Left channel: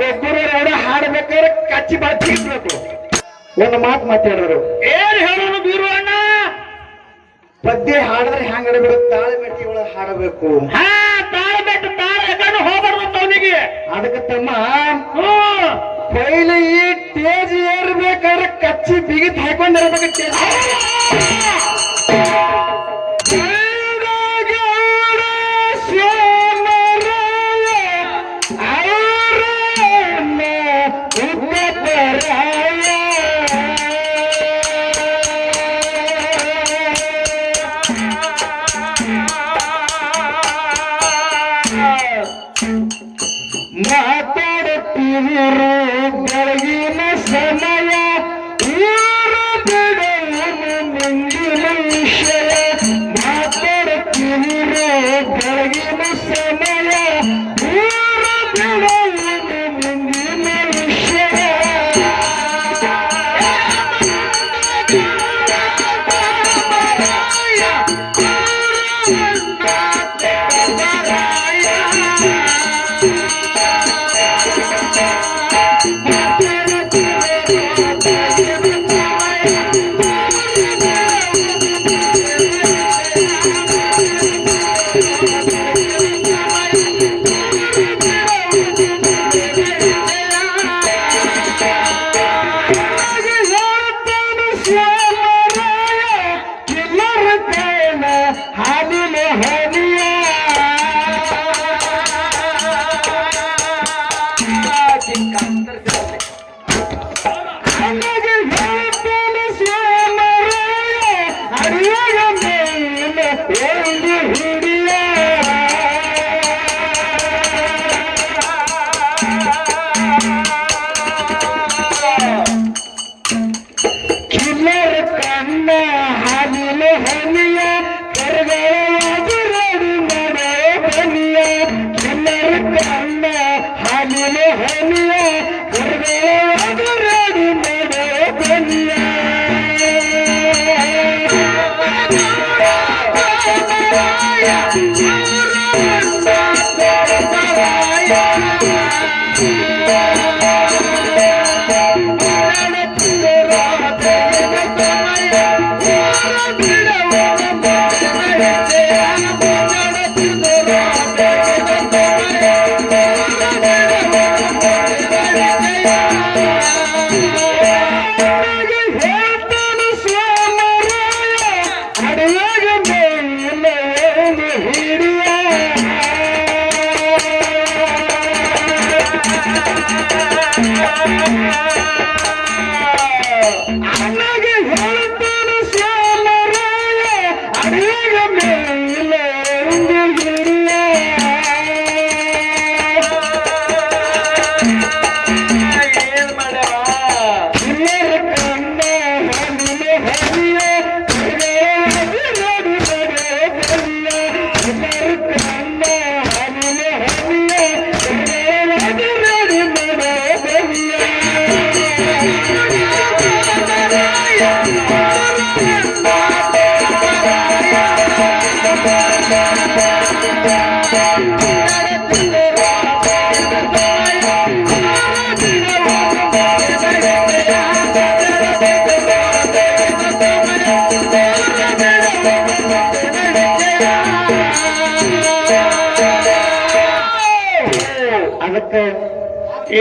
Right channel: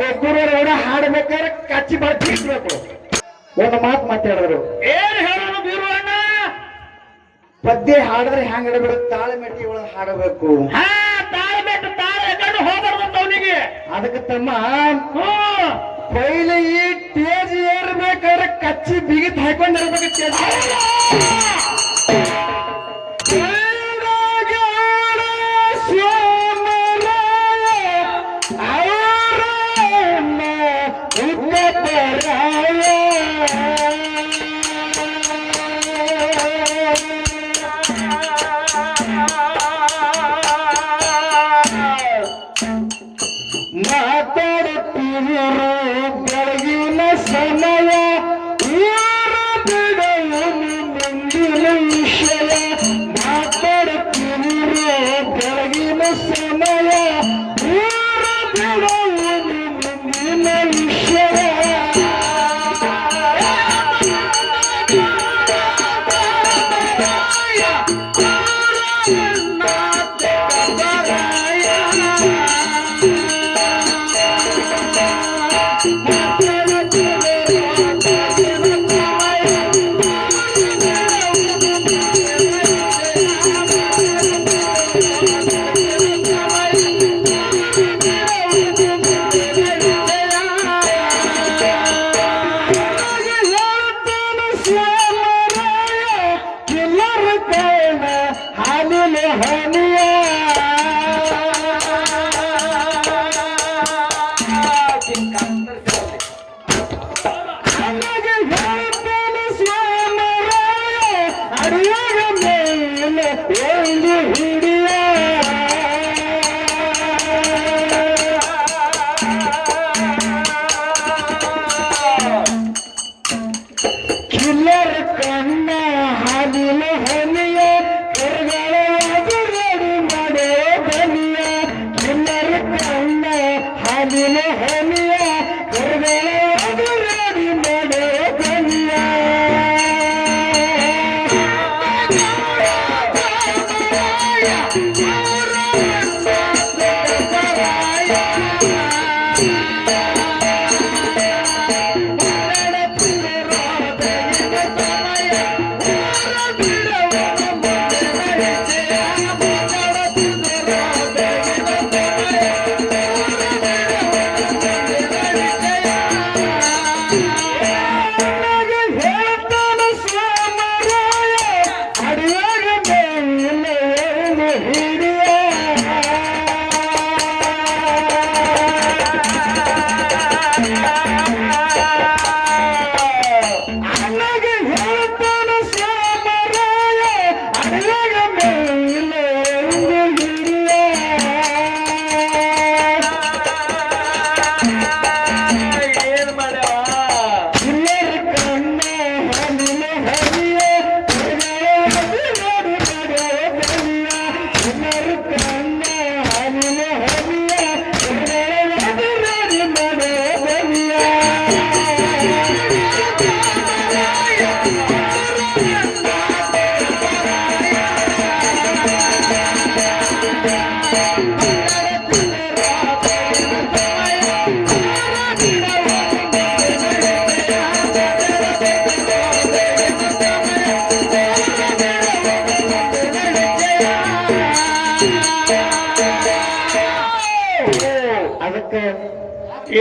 ಗೊಬ್ಬರ ಹಾಡ್ಬೇಕಾದ್ರೆ ಕಚ್ಚಿ ಬಾಯಿ ಬೀಸ್ಬೇಕು. ಒಂದು ಮಾತು ಮಾತಾಡಿದ್ರು. ಏನ್ ಹೇಳೋದು ಬೀರು ಅಣ್ಣ? ಪದ್ಯ ಹಾಡಿದ್ರೆ ಹೆಂಗ್ ಇಡಬೇಕು, ತಾಳೆ ಮೆಟ್ಟಿ ಒಳಗೆ ಹಾಡಬೇಕು. ತಾಳೆ ಮೆಟ್ಟು ತಾಳೆ ಎಕಡೆ ಹೋಗ್ಬಾರ್ದು ಅವನಿಗೆ. ಅದಕ್ಕೆ ತಮ್ಮ ಪೈಲಿ ಈ ಟೇಜ್ ಏರ್ಬೇಕಾದ್ರೆ ಕಚ್ಚಿ ಬಿಗಿತ್ ಹಾಕೊಂಡಿರ್ಬೇಕು. ಮಾತಾಡುತ್ತಿರು ಬೆಳಗಿನ ಸಮಯ ಮುಂದಿನ ವಿಷಯ. ಮಾತಾಡುತ್ತಿರು ಬೆಳಗಿನ ಸಮಯ ಮುಂದಿನ ವಿಷಯ.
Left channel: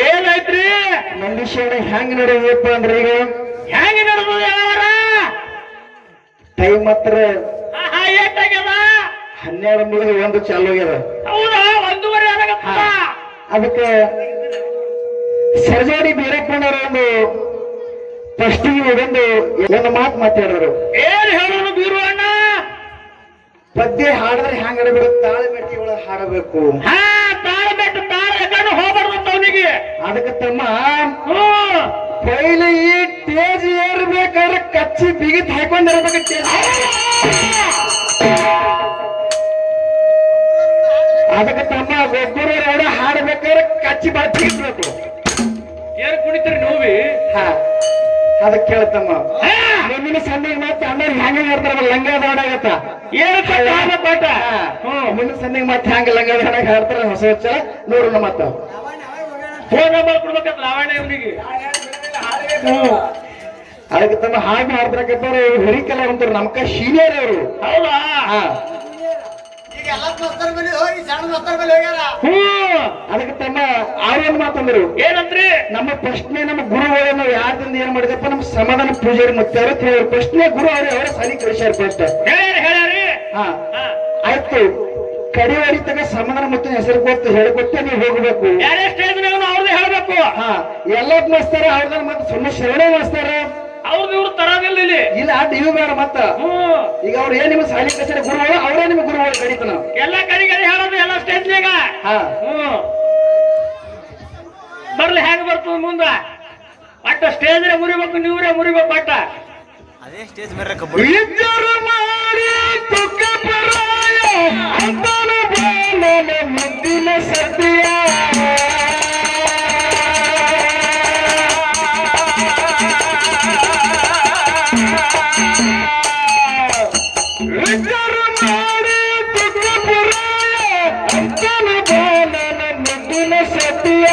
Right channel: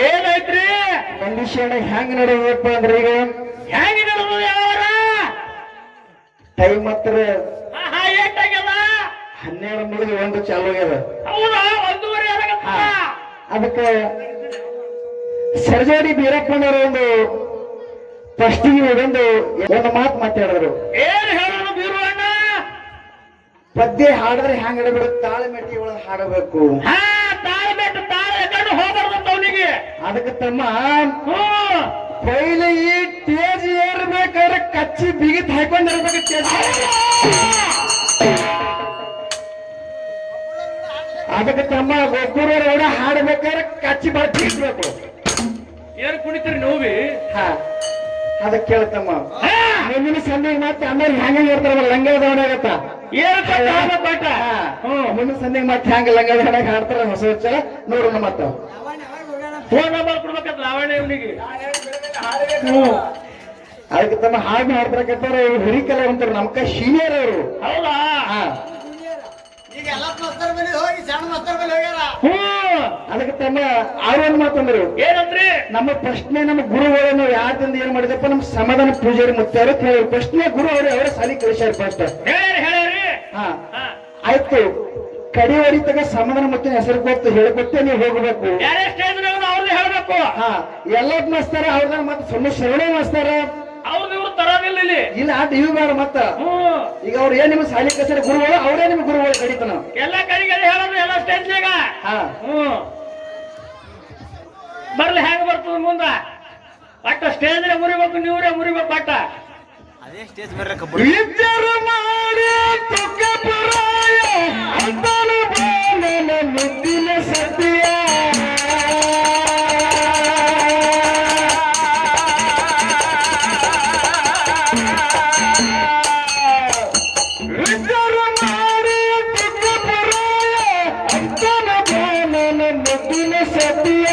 ಏನಾಯ್ತ್ರಿ ಮನುಷ್ಯನ ಹೆಂಗ್ ನಡೆಯಬೇಕು ಅಂದ್ರೆ ಈಗ ಹೆಂಗ ನಡೆದು ಯಾವಾರ ಟೈಮ್ ಮಾತ್ರ ಏಟಾಗ್ಯದ 12 ಮುಗಿದು 1 ಚಾಲು ಆಗ್ಯದ. ಹೌದಾ? 1:30 ಆಗತ್ತ. ಅದಕ್ಕೆ ಸರ್ಜಾಡಿ ಬೀರಪ್ಪನವರು ಒಂದು ಫಸ್ಟಿಗೆ ಒಂದು ಮಾತು ಮಾತಾಡಿದ್ರು. ಏನ್ ಹೇಳೋದು ಬೀರು ಅಣ್ಣ? ಪದ್ಯ ಹಾಡಿದ್ರೆ ಹೆಂಗ್ ಇಡಬೇಕು, ತಾಳೆ ಮೆಟ್ಟಿ ಒಳಗೆ ಹಾಡಬೇಕು. ತಾಳೆ ಮೆಟ್ಟು ತಾಳೆ ಎಕಡೆ ಹೋಗ್ಬಾರ್ದು ಅವನಿಗೆ. ಅದಕ್ಕೆ ತಮ್ಮ ಪೈಲಿ ಈ ಟೇಜ್ ಏರ್ಬೇಕಾದ್ರೆ ಕಚ್ಚಿ ಬಿಗಿತ್ ಹಾಕೊಂಡಿರ್ಬೇಕು. ಅದಕ್ಕೆ ತಮ್ಮ ಗೊಬ್ಬರ ಹಾಡ್ಬೇಕಾದ್ರೆ ಕಚ್ಚಿ ಬಾಯಿ ಬೀಸ್ಬೇಕು. ಏನ್ ಕುಣಿತೀರಿ ನೋವಿ? ಅದಕ್ಕೆ ಕೇಳ್ತಮ್ಮ ಮುಂದಿನ ಸಂದೆಗೆ ಮತ್ತೆ ಅಮ್ಮ ಹೆಂಗ ಇರ್ತಾರ ಲಂಗ ದಾಡಾಗತ್ತ ಏನು ಪಾಠ. ಮುಂದಿನ ಸಂದೆಗೆ ಮತ್ತೆ ಹೆಂಗ ಲಂಗ ದಾಡಾಗ ಹಾಡ್ತಾರ ಹೊಸ ಹೊಸ ನೋಡೋಣ ಮತ್ತ. ಫೋನ್ ನಂಬರ್ ಕೊಡ್ಬೇಕಂತ ಲಾವಣ್ಯ ಇವನಿಗೆ. ಅದಕ್ಕೆ ತಮ್ಮ ಹಾಡು ಮಾಡ್ತಾರ ಹಿರಿಕಲ ಅಂತಾರೆ ನಮ್ಕ ಸೀನಿಯರ್ ಅವರು. ಹೌದಾ? ಹಾ ಈಗ ಎಲ್ಲ ಮಸ್ತರ ಮೇಲೆ ಹೋಗಿ ಸಣ್ಣ ಮಸ್ತರ ಮೇಲೆ ಹೋಗ್ಯಾರ. ಅದಕ್ಕೆ ತಮ್ಮ ಅವ್ರೇನ್ ಮಾತಂದ್ರು ಏನಂದ್ರಿ? ನಮ್ಮ ಪ್ರಶ್ನೆ ನಮ್ಮ ಗುರುಗಳು ನಾವು ಯಾರಿಂದ ಏನ್ ಮಾಡಿದಪ್ಪ ನಮ್ಮ ಸಮಾಧಾನ ಪೂಜಾರಿ ಮತ್ತೆ ಪ್ರಶ್ನೆ ಗುರು ಅವರ ಸಾಲಿ ಕಳಿಸ್ಯಾರ ಫಸ್ಟ್. ಹೇಳ್ಯಾರಿ. ಹಾ ಆಯ್ತು ಕಡಿವಡಿ ತಗ ಸಮಾಧಾನ ಮತ್ತೆ ಹೆಸರು ಕೊಟ್ಟು ಹೇಳಿಕೊಟ್ಟೆ ನೀವು ಹೋಗ್ಬೇಕು. ಯಾರೇ ಸ್ಟೇಜ್ ಅವ್ರದ್ದು ಹೇಳ್ಬೇಕು. ಹಾ ಎಲ್ಲ ಮಾಸ್ತಾರ ಅವ್ರದ ಮತ್ತೆ ಸುಮ್ಮನೆ ಶರಣ ಮಾಸ್ತಾರ ಅವ್ರದ್ದು ಇವ್ರು ತರೋದಿಲ್ಲ ಇಲ್ಲಿ. ಇಲ್ಲ ಇವು ಬೇಡ ಮತ್ತ ಈಗ ಅವ್ರು ಏನ್ ನಿಮ್ಗೆ ಸಾಲಿ ಕಲಿಸ್ಯಾರ ಗುರುಗಳು ಅವರೇ ನಿಮ್ಗೆ ಗುರುಗಳು ಕಡಿತನ ಎಲ್ಲ ಕಡೆಗೆ ಹೇಳೋದು ಎಲ್ಲ ಸ್ಟೇಜ್ನಾಗ. ಹಾ ಬರ್ಲಿ ಹೆಂಗ್ ಬರ್ತದ ಮುಂದ ಬಟ್ ಸ್ಟೇಜ್ ಮುರಿಬೇಕು ನೀವ್ರೇ ಮುರಿಬೇಕು ಬಟ್ಟ. ಅದೇ ಸ್ಟೇಜ್ ಮೇಲೆ ಕಬ್ಬಡಿ ಇದ್ದರು ಮಾಡಿ ತುಕ್ಕ ಪರಾಯ ಅಂತನು ಬಾಲನ ಮುದ್ದಿನ ಸದ್ಯ ಇದ್ದರು ಮಾಡಿ ತುಕ್ಕ ಪರಾಯ ಅಂತನು ಬಾಲನ ಮುದ್ದಿನ ಸದ್ಯ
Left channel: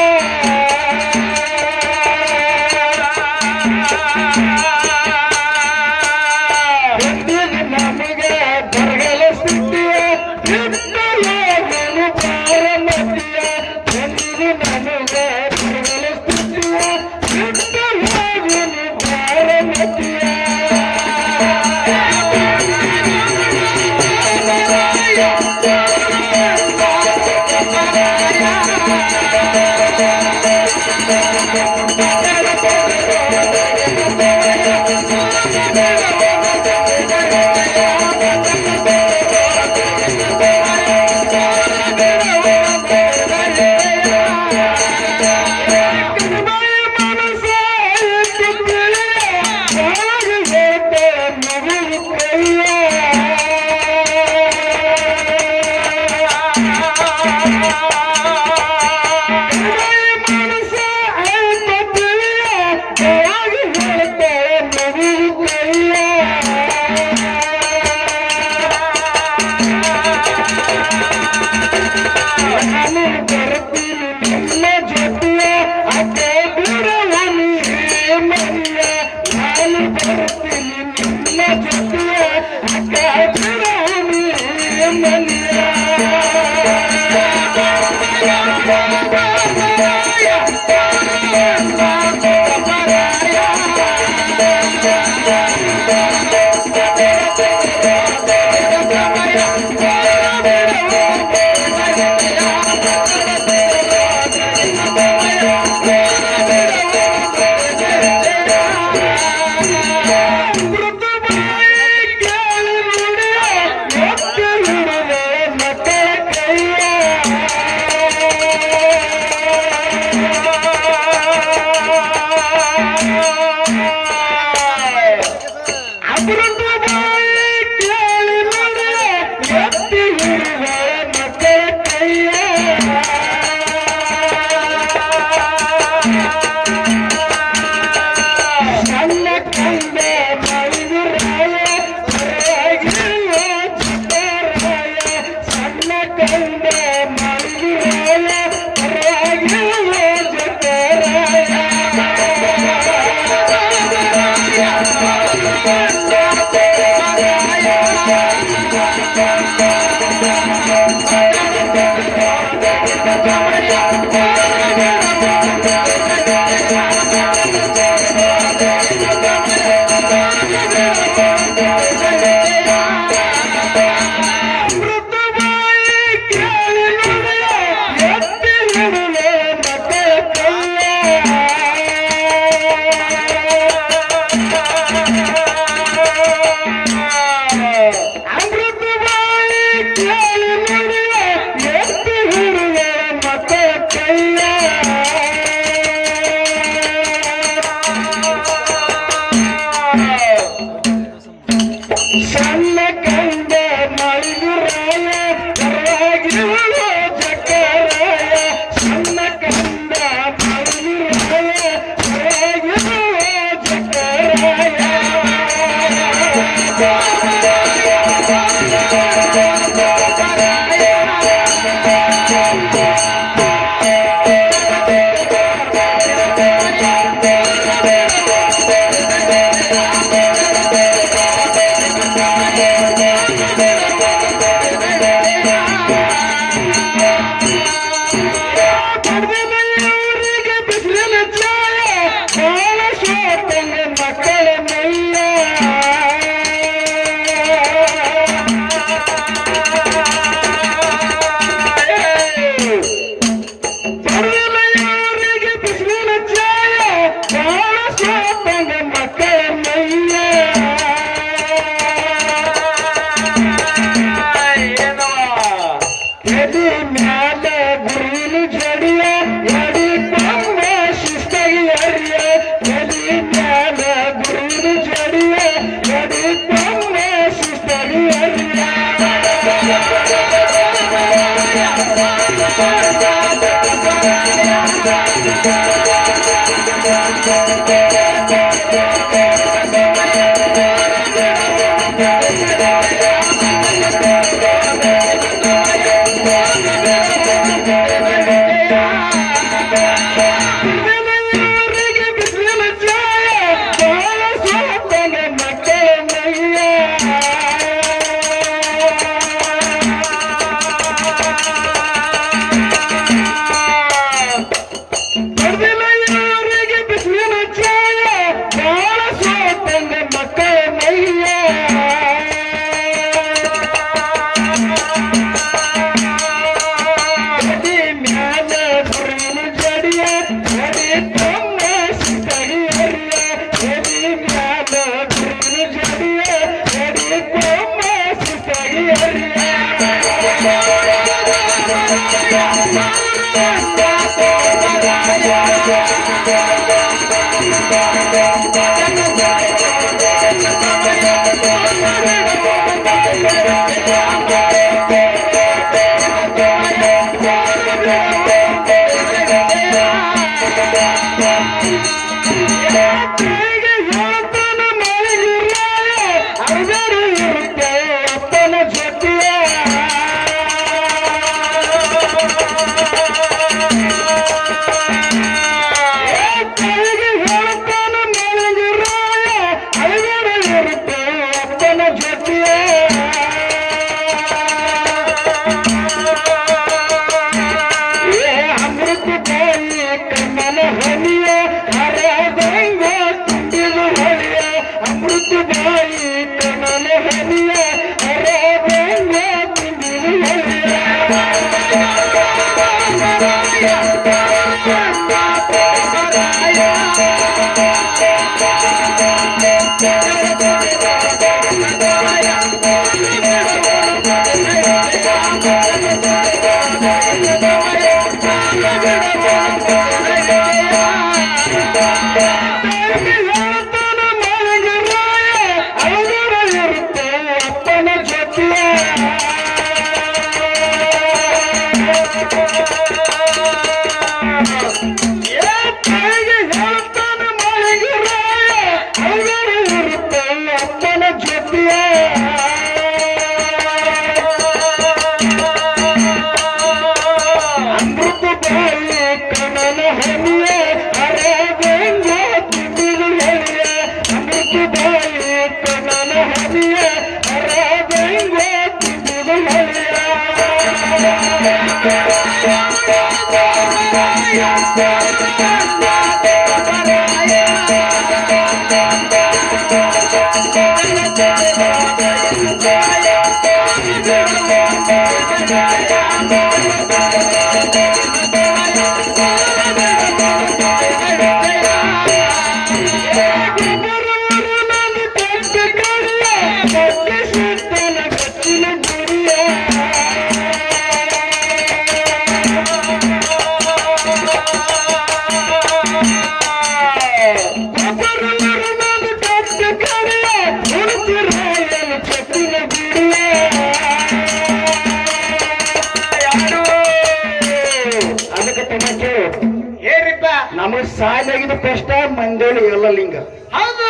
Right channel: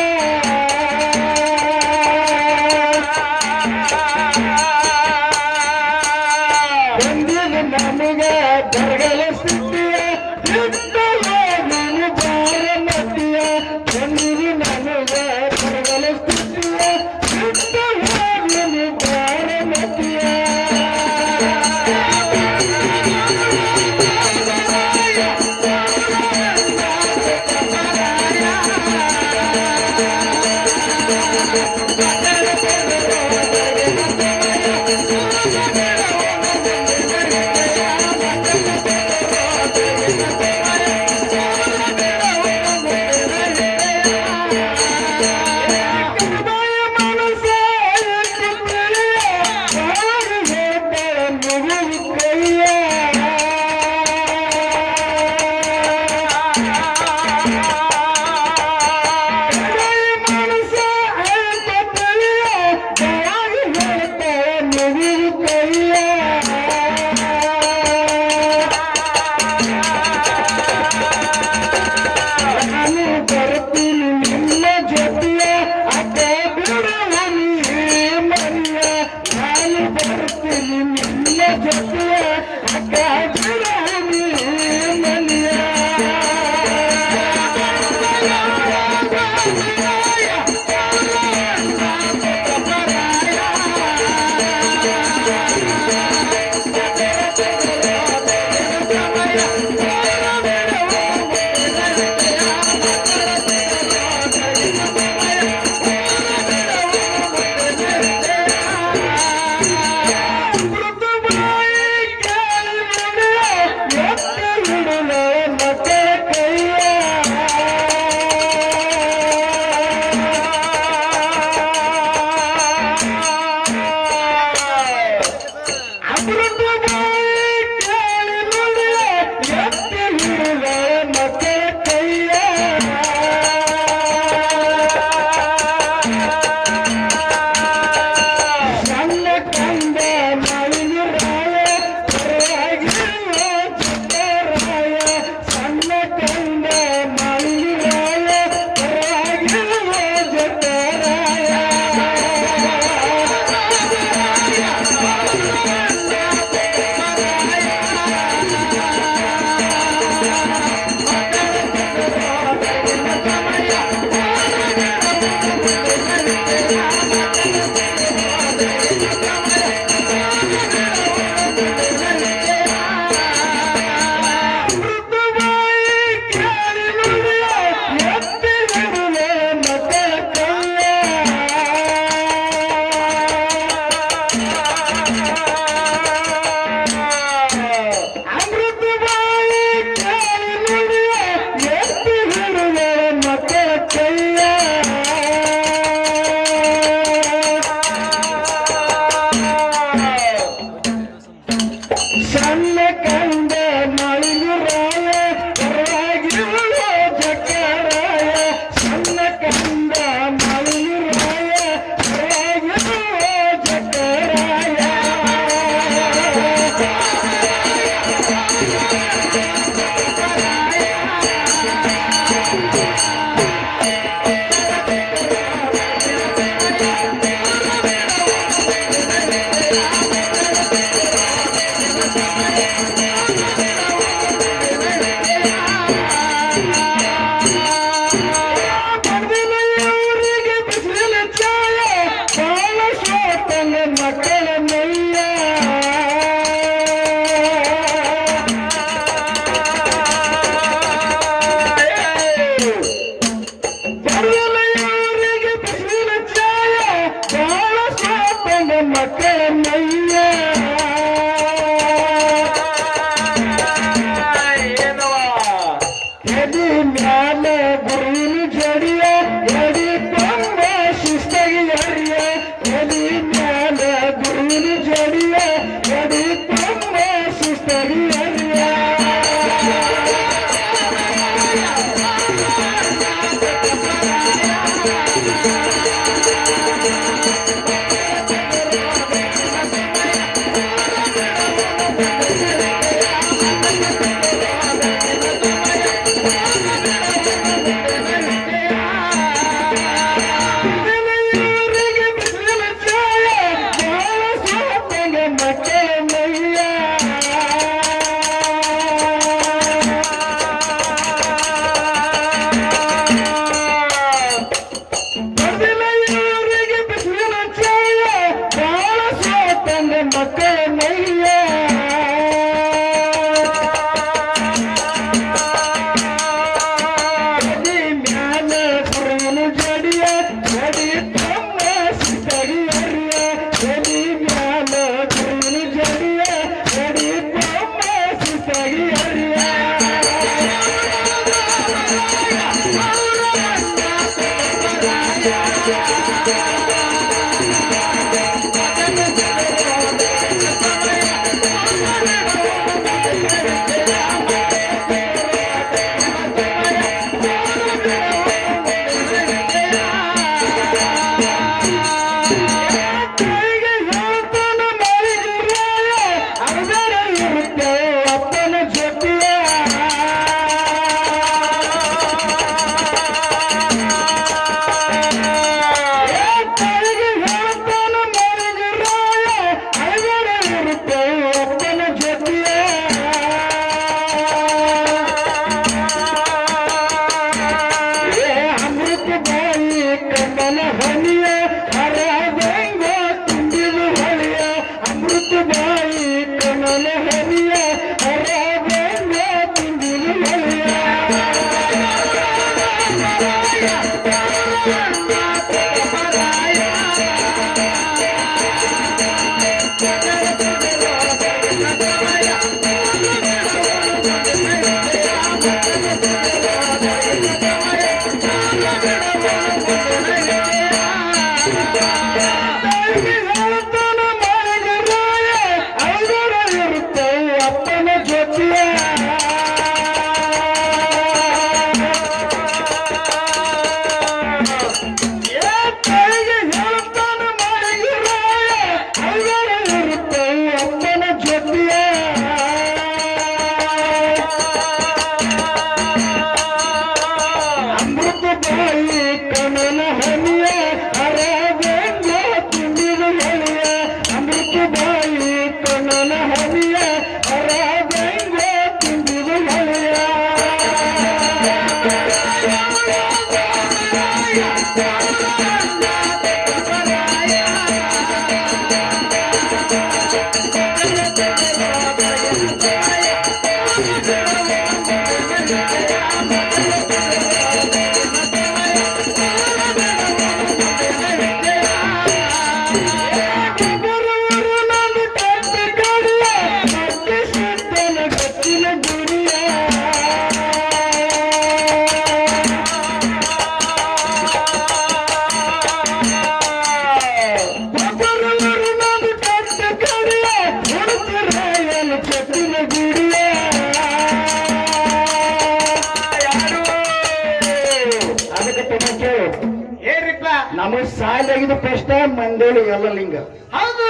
ನಮಗ್ ಸಾಲಾಗಿದ್ದು ಪ್ರಶ್ನೆ ಮಂಡೇಳಿ ಎಲ್ಲ ಲಿಂಗ. ಹೌದು,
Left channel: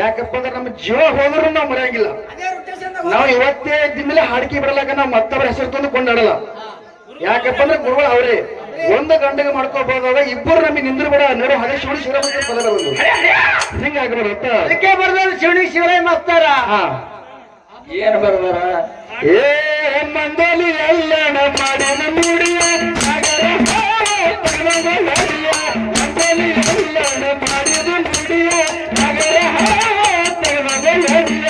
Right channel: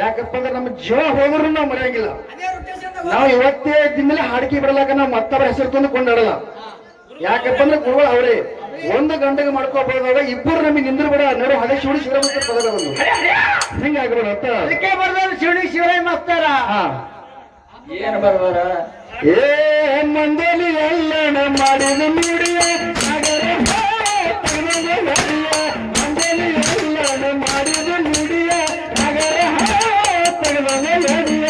ಯಾಕಪ್ಪ ಅಂದ್ರೆ ನಮ್ಮ ಜೀವ ಹೋದ್ರು ನಾವು ಮರೆಯಂಗಿಲ್ಲ. ಅದೇ ರೊಟೇಷನ್ ನಾವು ಇವತ್ತೇ ದಿನಮೇಲೆ ಹಾಡಿಕೆ ಬಿಡಲಾಕ ನಾವು ಮತ್ತೊಬ್ಬರ ಹೆಸರು ತಂದು ಕೊಂಡಾಡಲ್ಲ. ಯಾಕಪ್ಪ ಅಂದ್ರೆ ಗುರುಗಳು ಅವರೇ ಒಂದು ಗಂಟೆಗೆ ಮಾಡ್ಕೋಬಹುದಾಗ ಇಬ್ಬರು ನಮಗೆ ನಿಂದ್ರು ಬಿಡ ನೋಡಿ ಹಳೆ ಶಿವಡಿ ಶಿವರಾಮ ಪದರ ಬಂದು ಹಿಂಗಾಗ್ರ ಅದಕ್ಕೆ ಬರ್ದಾರ ಶಿವನಿ ಶಿವರಾಯ ಮಾಸ್ತರ. ಏನ್ ಬರ್ದಾರ? ಏ ಮಂಡಲಿ ಎಲ್ಲಣ ಮಾಡಿದ ನುಡಿಯ ನಗರ ಮಂಡಲಿ ಎಲ್ಲಣ ಮಾಡಿದ ನುಡಿಯ ನಗರ ನಡಿಯ